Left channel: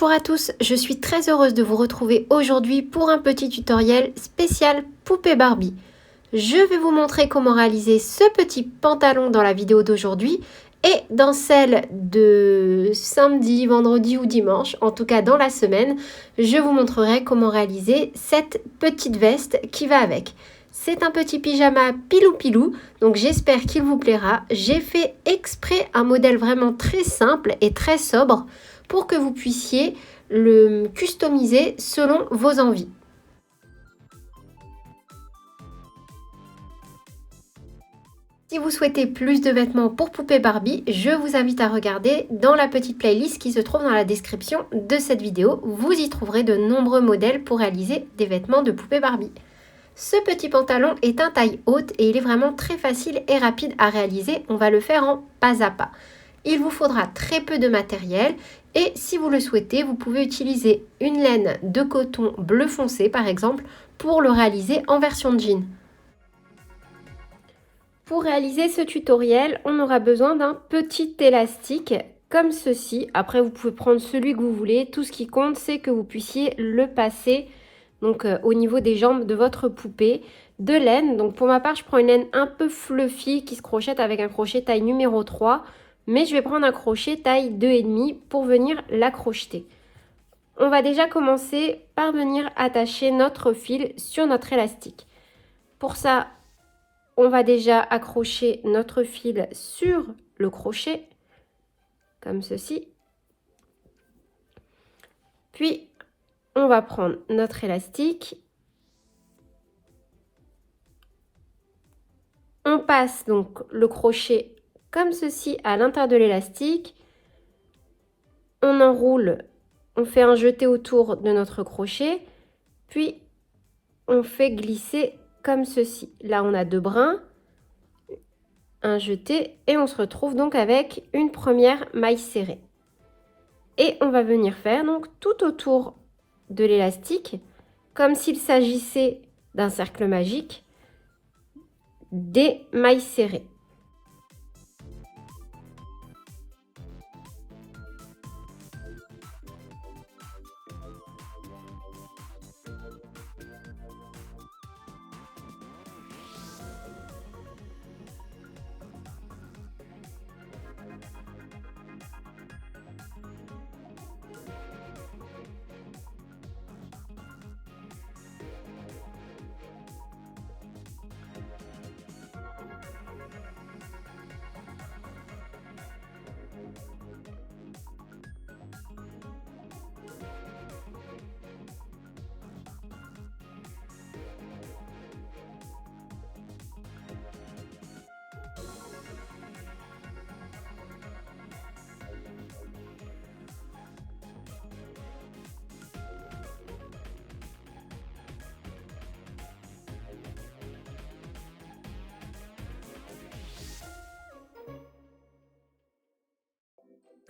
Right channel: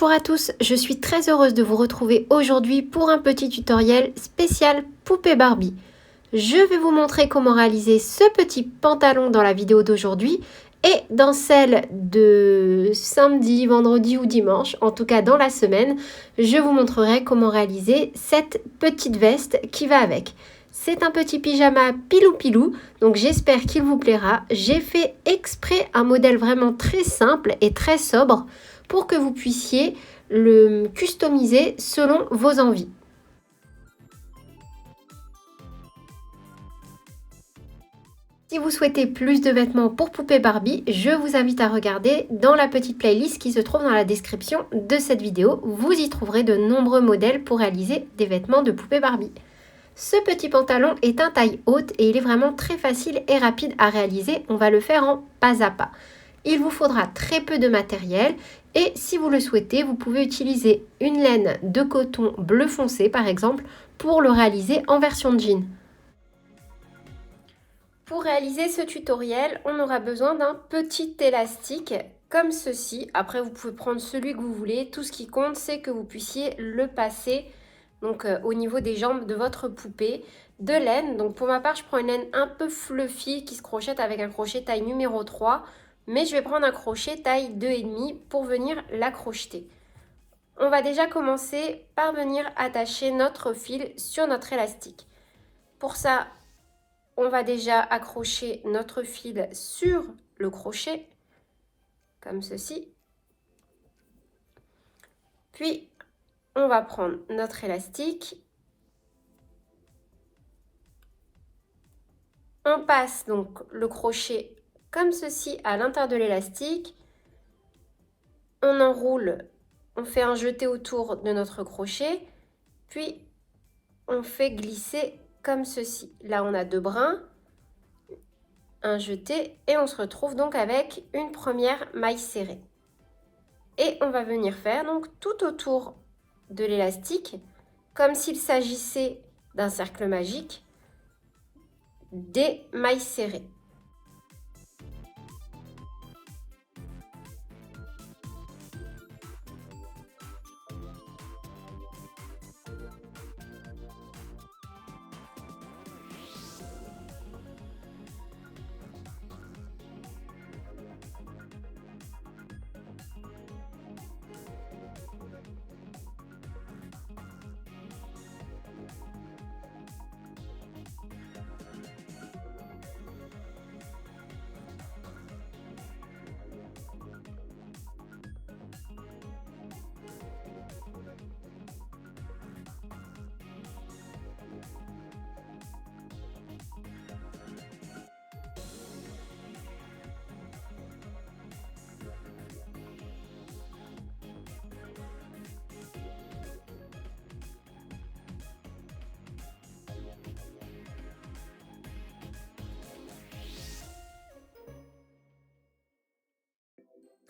Bonjour à tous, je suis très heureuse de vous retrouver aujourd'hui pour un petit tutoriel spécial poupée Barbie. Je vais vous montrer comment réaliser ce petit pantalon dans la vidéo d'aujourd'hui et dans celle de samedi, vendredi ou dimanche, en tout cas dans la semaine, je vous montrerai comment réaliser cette petite veste qui va avec. C'est un petit pyjama pilou-pilou, donc j'espère qu'il vous plaira. J'ai fait exprès un modèle vraiment très simple et très sobre pour que vous puissiez le customiser selon vos envies. Si vous souhaitez plus de vêtements pour poupée Barbie, je vous invite à regarder dans la petite playlist qui se trouve dans la description de cette vidéo. Vous y trouverez de nombreux modèles pour réaliser des vêtements de poupée Barbie. Ce petit pantalon est un taille haute et il est vraiment très facile et rapide à réaliser. On va le faire en pas à pas. Il vous faudra très peu de matériel et si vous le souhaitez, vous pouvez utiliser une laine de coton bleu foncé par exemple pour le réaliser en version jean. Pour réaliser ce tutoriel, on aura besoin d'un petit élastique comme ceci. Après, vous pouvez prendre celui que vous voulez. Tout ce qui compte, c'est que vous puissiez le passer donc, au niveau des jambes de votre poupée. De laine, donc pour ma part, je prends une laine un peu fluffy qui se crochette avec un crochet taille numéro 3. Mais je vais prendre un crochet taille 2,5 pour venir la crocheter. On va déjà commencer par venir attacher notre fil sur notre élastique. Pour ça, on va déjà accrocher notre fil sur le crochet, comme ceci. Puis, on va prendre notre élastique. On passe donc le crochet comme ceci à l'intérieur de l'élastique. On enroule, on fait un jeté autour de notre crochet. Puis, on fait glisser comme ceci. Là, on a deux brins, un jeté et on se retrouve donc avec une première maille serrée. Et on va venir faire donc tout autour de l'élastique, comme s'il s'agissait d'un cercle magique, des mailles serrées.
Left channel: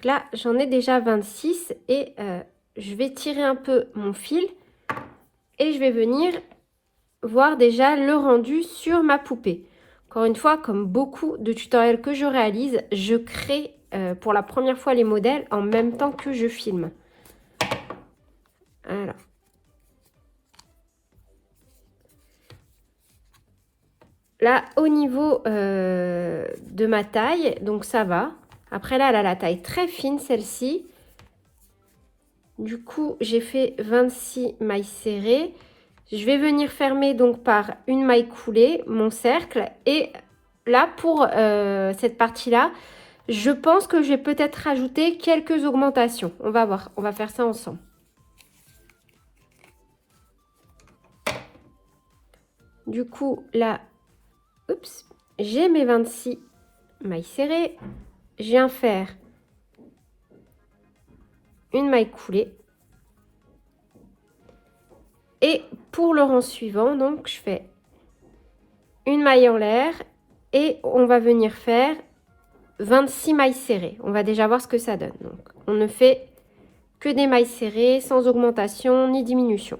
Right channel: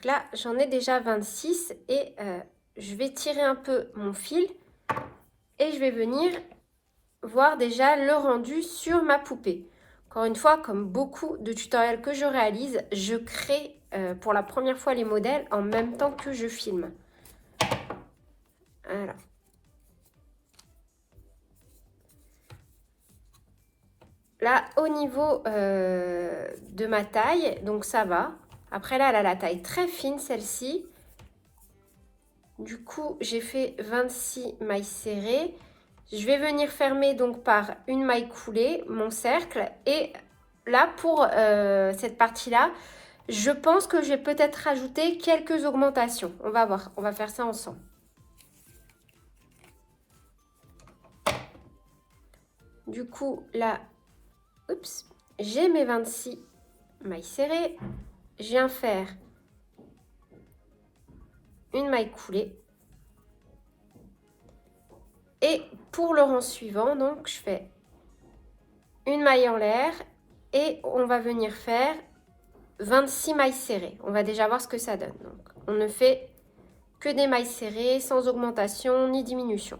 Là, j'en ai déjà 26 et je vais tirer un peu mon fil et je vais venir voir déjà le rendu sur ma poupée. Encore une fois, comme beaucoup de tutoriels que je réalise, je crée pour la première fois les modèles en même temps que je filme. Alors. Là, au niveau de ma taille, donc ça va. Après là, elle a la taille très fine, celle-ci. Du coup, j'ai fait 26 mailles serrées. Je vais venir fermer donc par une maille coulée mon cercle. Et là, pour cette partie-là, je pense que je vais peut-être rajouter quelques augmentations. On va voir, on va faire ça ensemble. Du coup, là, oups, j'ai mes 26 mailles serrées. Je viens faire une maille coulée. Et pour le rang suivant, donc, je fais une maille en l'air et on va venir faire 26 mailles serrées. On va déjà voir ce que ça donne. Donc, on ne fait que des mailles serrées sans augmentation ni diminution.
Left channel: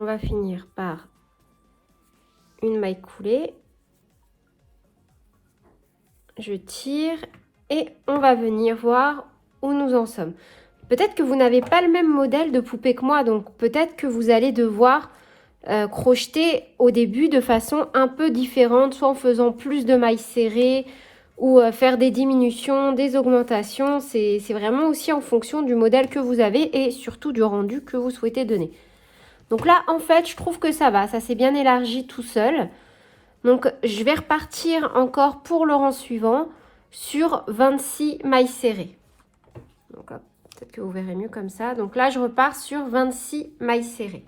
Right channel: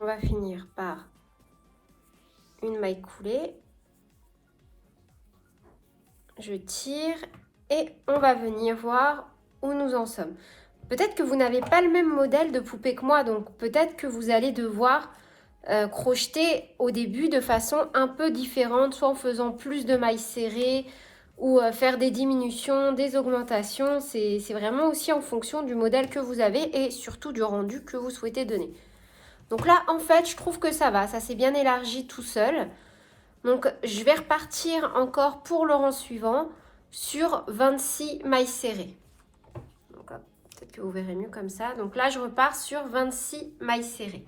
On va finir par une maille coulée. Je tire et on va venir voir où nous en sommes. Peut-être que vous n'avez pas le même modèle de poupée que moi, donc peut-être que vous allez devoir crocheter au début de façon un peu différente, soit en faisant plus de mailles serrées ou faire des diminutions, des augmentations. C'est vraiment aussi en fonction du modèle que vous avez et surtout du rendu que vous souhaitez donner. Donc là, en fait, je trouve que ça s'est bien élargi tout seul. Donc, je vais repartir encore pour le rang suivant sur 26 mailles serrées. Peut-être que vous verrez mieux comme ça. Donc là, je repars sur 26 mailles serrées.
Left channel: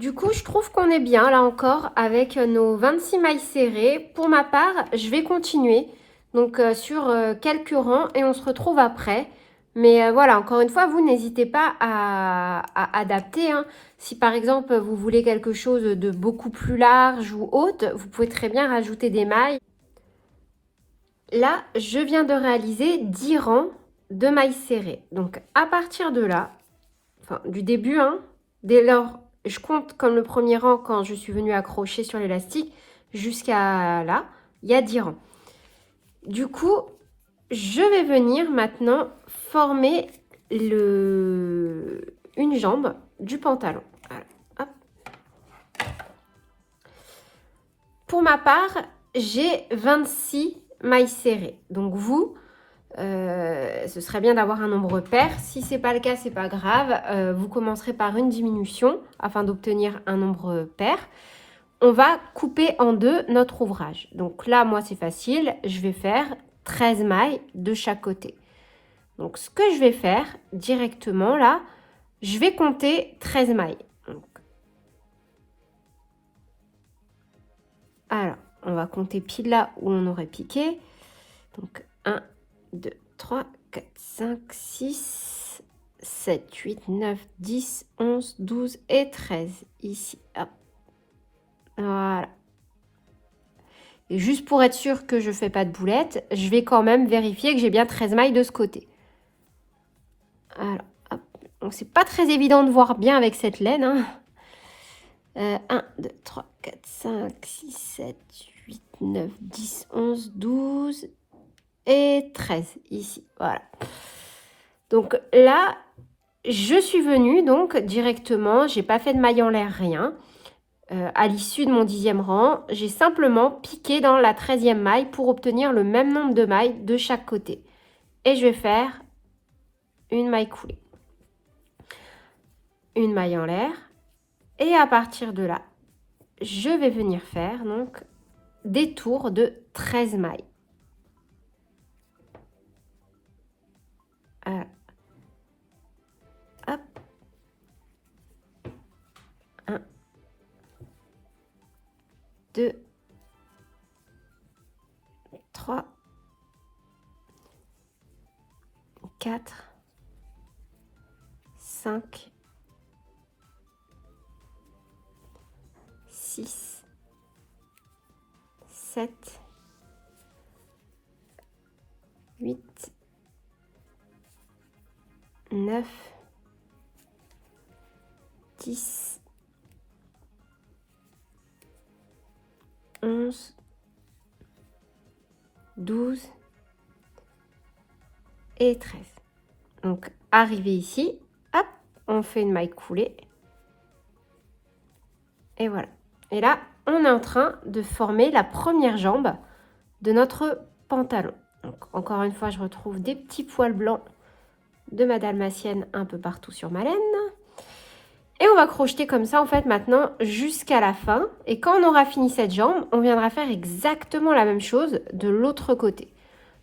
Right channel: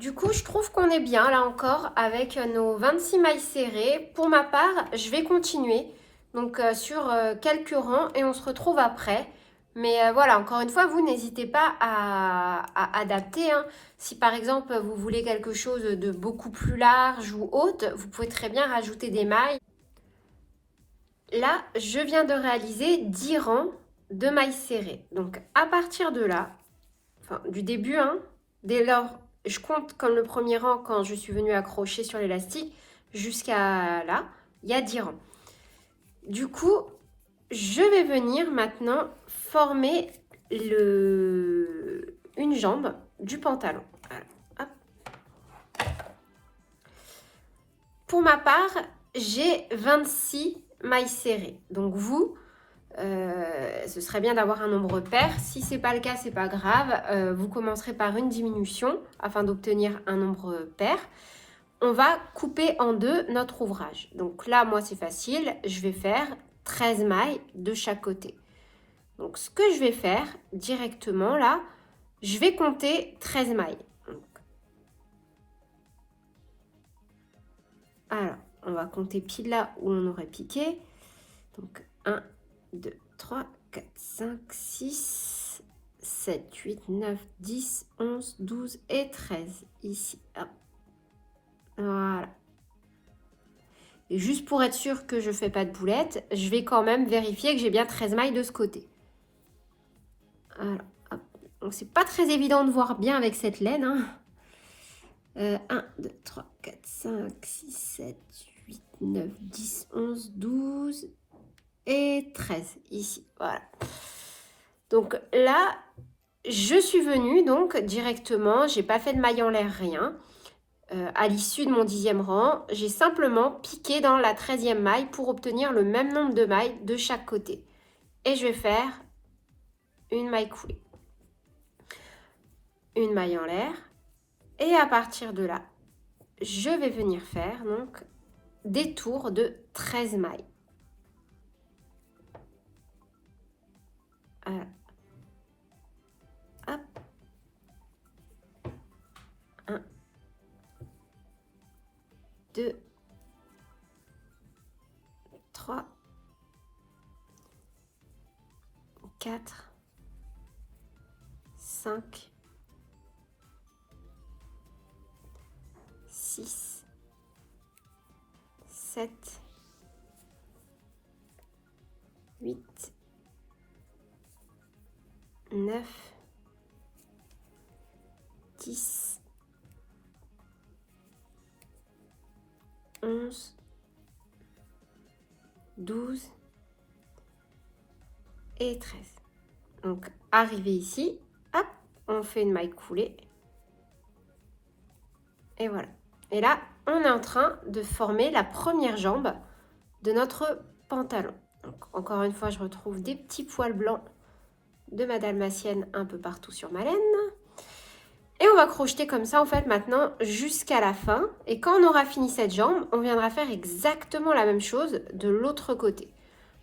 Du coup, je trouve qu'on est bien là encore avec nos 26 mailles serrées. Pour ma part, je vais continuer donc sur quelques rangs et on se retrouve après. Mais voilà, encore une fois, vous n'hésitez pas à adapter. Hein. Si par exemple, vous voulez quelque chose de beaucoup plus large ou haute, vous pouvez très bien rajouter des mailles. Là, je viens de réaliser 10 rangs de mailles serrées. Donc à partir de là, enfin du début, hein, dès lors, je compte comme le premier rang quand je suis venue accrocher sur l'élastique jusqu'à là, il y a 10 rangs. Du coup, je vais venir maintenant former une jambe du pantalon. Alors, pour ma part, j'ai 26 mailles serrées. Donc vous, ce serait bien d'avoir un nombre pair. Si ce n'est pas le cas, c'est pas grave. Vous commencerez par une diminution afin d'obtenir un nombre pair. On va couper en deux notre ouvrage. Donc là, moi, c'est facile. Je vais faire 13 mailles de chaque côté. Donc ce que je vais faire directement là, je vais compter 13 mailles. Alors, on va compter pile là où on aurait piqué. Donc 1, 2, 3, 4, 5, 6, 7, 8, 9, 10, 11, 12 et 13. Ici. Hop. Voilà. Et juste pour être sûr que je ne fais pas de boulettes, je vais quand même vérifier que j'ai bien 13 mailles de ce côté. Alors, hop. Donc, c'est pas très évident de voir bien avec cette laine. Hein. 1, 2, 3, 4, 5, 6, 7, 8, 9, 10, 11, 12 et 13 ici. Voilà. Donc là, je suis venue donc directement, j'ai pas fait de maille en l'air, rien. À l'issue de mon 10e rang, j'ai simplement piqué dans la 13e maille pour obtenir le même nombre de mailles de chaque côté. Et je vais faire une maille coulée. Une maille en l'air. Et à partir de là, je vais venir faire donc des tours de 13 mailles. Voilà. Hop. 1, 2, 3, 4, 5, 6, 7, 8, 9, 10, 11, 12 et 13. Donc, arrivé ici, hop, on fait une maille coulée. Et voilà. Et là, on est en train de former la première jambe de notre pantalon. Donc, encore une fois, je retrouve des petits poils blancs de ma dalmatienne un peu partout sur ma laine. Et on va crocheter comme ça, en fait, maintenant jusqu'à la fin. Et quand on aura fini cette jambe, on viendra faire exactement la même chose de l'autre côté.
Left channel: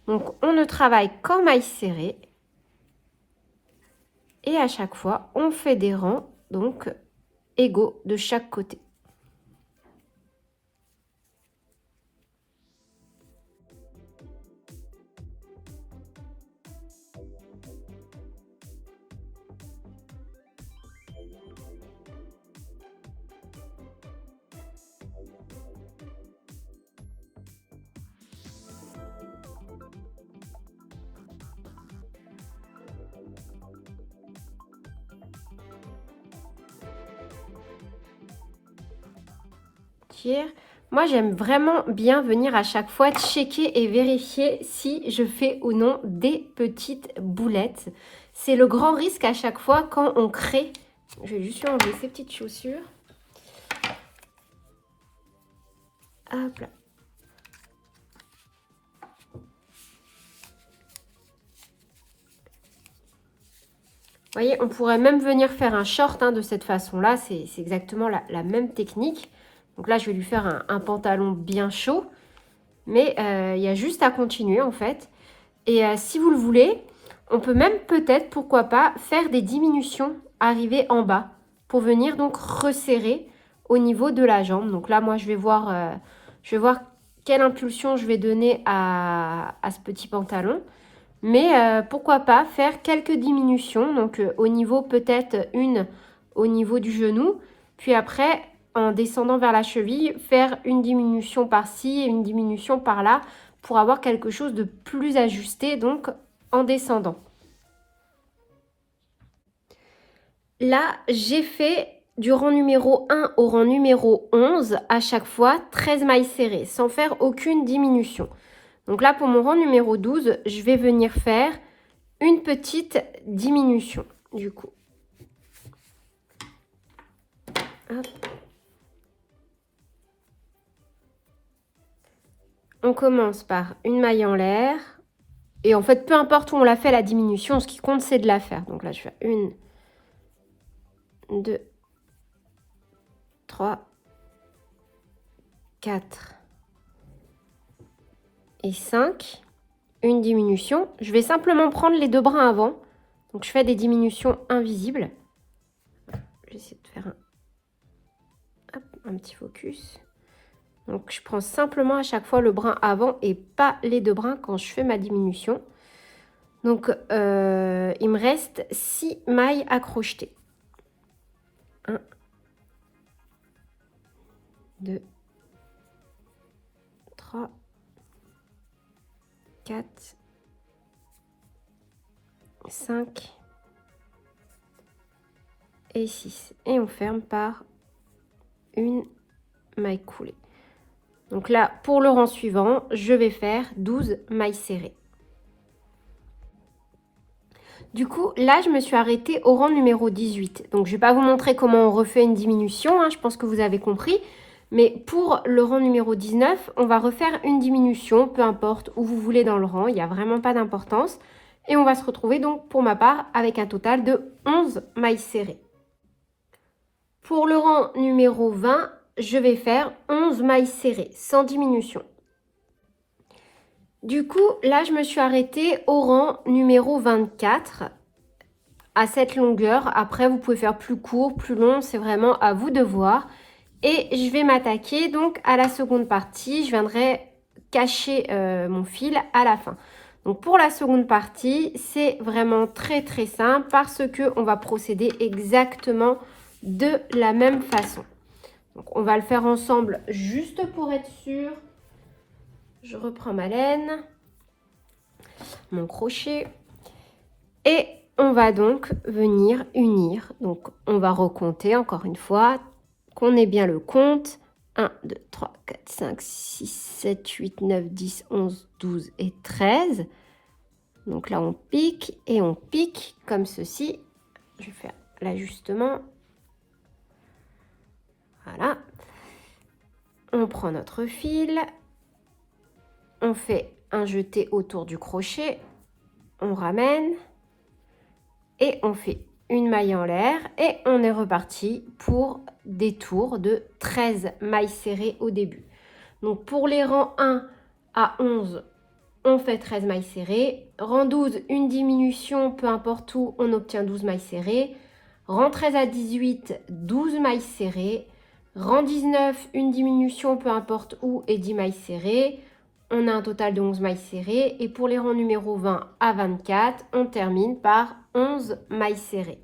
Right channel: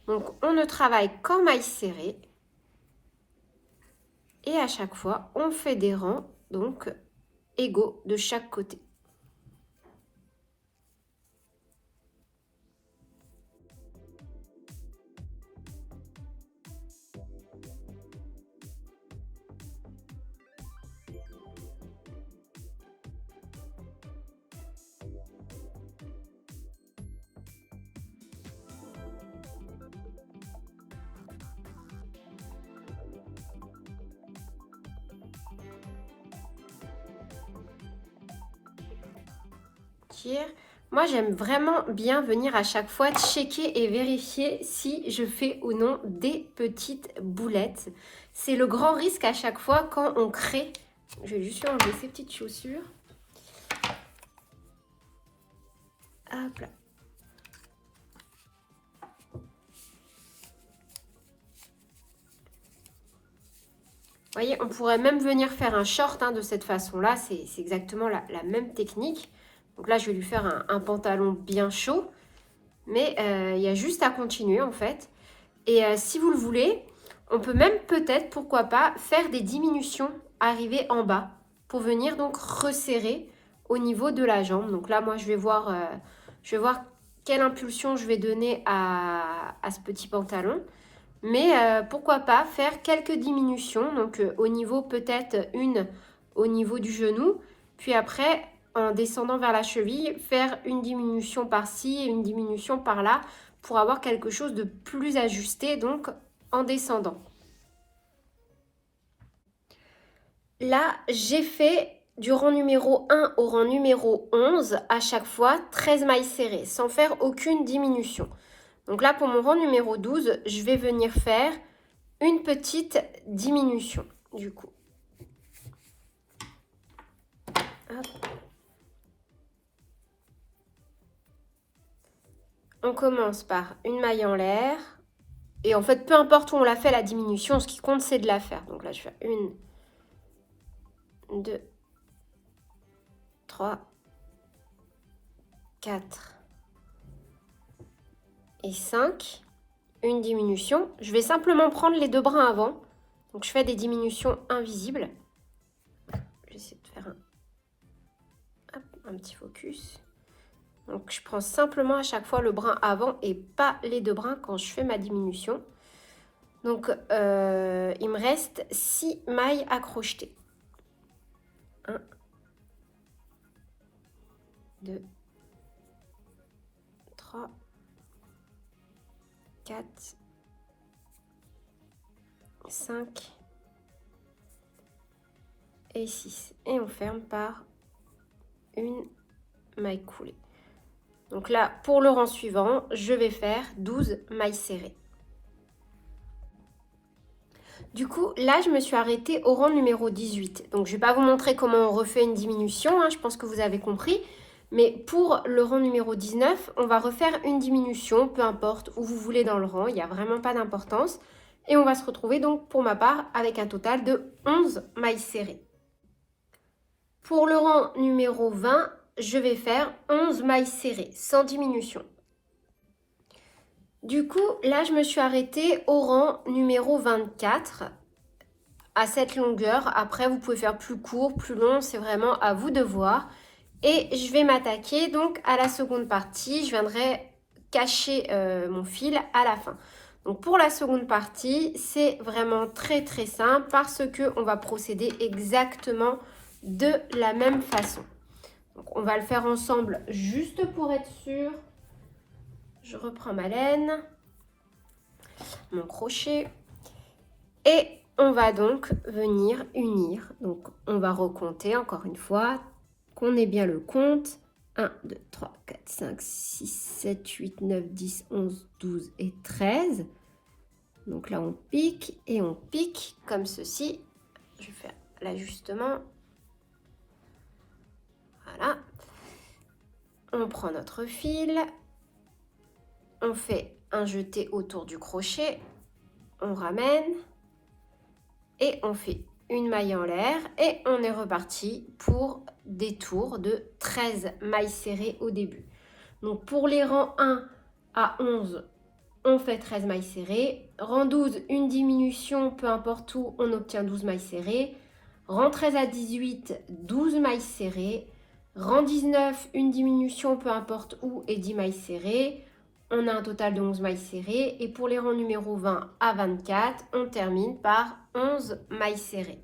Donc, on ne travaille qu'en mailles serrées. Et à chaque fois, on fait des rangs, donc, égaux de chaque côté. tire. Moi, j'aime vraiment bien venir à chaque fois checker et vérifier si je fais ou non des petites boulettes. C'est le grand risque à chaque fois quand on crée. Je vais juste enlever ces petites chaussures. Hop là. Vous voyez, on pourrait même venir faire un short de cette façon-là. C'est exactement la même technique. Donc là, je vais lui faire un pantalon bien chaud. Mais il y a juste à continuer en fait. Et si vous le voulez, on peut même peut-être, pourquoi pas, faire des diminutions arrivées en bas pour venir donc resserrer au niveau de la jambe. Donc là, moi, je vais voir quelle impulsion je vais donner à ce petit pantalon. Mais pourquoi pas faire quelques diminutions. Donc au niveau peut-être une au niveau du genou. Puis après, en descendant vers la cheville, faire une diminution par-ci et une diminution par-là pour avoir quelque chose de plus ajusté, donc en descendant. Là, j'ai fait du rang numéro 1 au rang numéro 11, à chaque fois 13 mailles serrées, sans faire aucune diminution. Donc là, pour mon rang numéro 12, je vais venir faire une petite diminution, du coup. Hop. On commence par une maille en l'air. Et en fait, peu importe où on l'a fait la diminution, ce qui compte, c'est de la faire. Donc là, je fais 1, 2, 3, 4 et 5. Une diminution. Je vais simplement prendre les deux brins avant. Donc, je fais des diminutions invisibles. Je vais essayer de faire un petit focus. Donc, je prends simplement à chaque fois le brin avant et pas les deux brins quand je fais ma diminution. Donc, il me reste 6 mailles à crocheter. 1, 2, 3, 4, 5 et 6. Et on ferme par une maille coulée. Donc là, pour le rang suivant, je vais faire 12 mailles serrées. Du coup, là, je me suis arrêtée au rang numéro 18. Donc, je ne vais pas vous montrer comment on refait une diminution, je pense que vous avez compris. Mais pour le rang numéro 19, on va refaire une diminution, peu importe où vous voulez dans le rang, il n'y a vraiment pas d'importance. Et on va se retrouver donc, pour ma part, avec un total de 11 mailles serrées. Pour le rang numéro 20, je vais faire 11 mailles serrées, sans diminution. Du coup, là, je me suis arrêtée au rang numéro 24, à cette longueur. Après, vous pouvez faire plus court, plus long, c'est vraiment à vous de voir. Et je vais m'attaquer donc à la seconde partie. Je viendrai cacher mon fil à la fin. Donc, pour la seconde partie, c'est vraiment très très simple parce qu'on va procéder exactement de la même façon. Donc, on va le faire ensemble juste pour être sûr. Je reprends ma laine, mon crochet et on va donc venir unir. Donc, on va recompter encore une fois, qu'on ait bien le compte. 1, 2, 3, 4, 5, 6, 7, 8, 9, 10, 11, 12 et 13. Donc là, on pique et on pique comme ceci. Je vais faire l'ajustement. Voilà. On prend notre fil. On fait un jeté autour du crochet. On ramène. Et on fait une maille en l'air. Et on est reparti pour des tours de 13 mailles serrées au début. Donc pour les rangs 1 à 11, on fait 13 mailles serrées. Rang 12, une diminution, peu importe où, on obtient 12 mailles serrées. Rang 13 à 18, 12 mailles serrées. Rang 19, une diminution, peu importe où, et 10 mailles serrées. On a un total de 11 mailles serrées. Et pour les rangs numéro 20 à 24, on termine par 11 mailles serrées.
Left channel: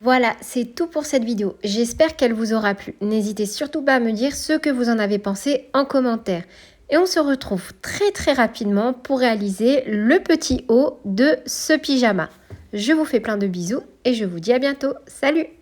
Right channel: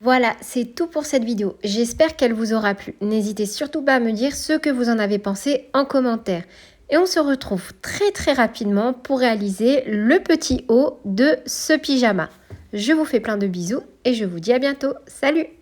Voilà, c'est tout pour cette vidéo. J'espère qu'elle vous aura plu. N'hésitez surtout pas à me dire ce que vous en avez pensé en commentaire. Et on se retrouve très très rapidement pour réaliser le petit haut de ce pyjama. Je vous fais plein de bisous et je vous dis à bientôt. Salut!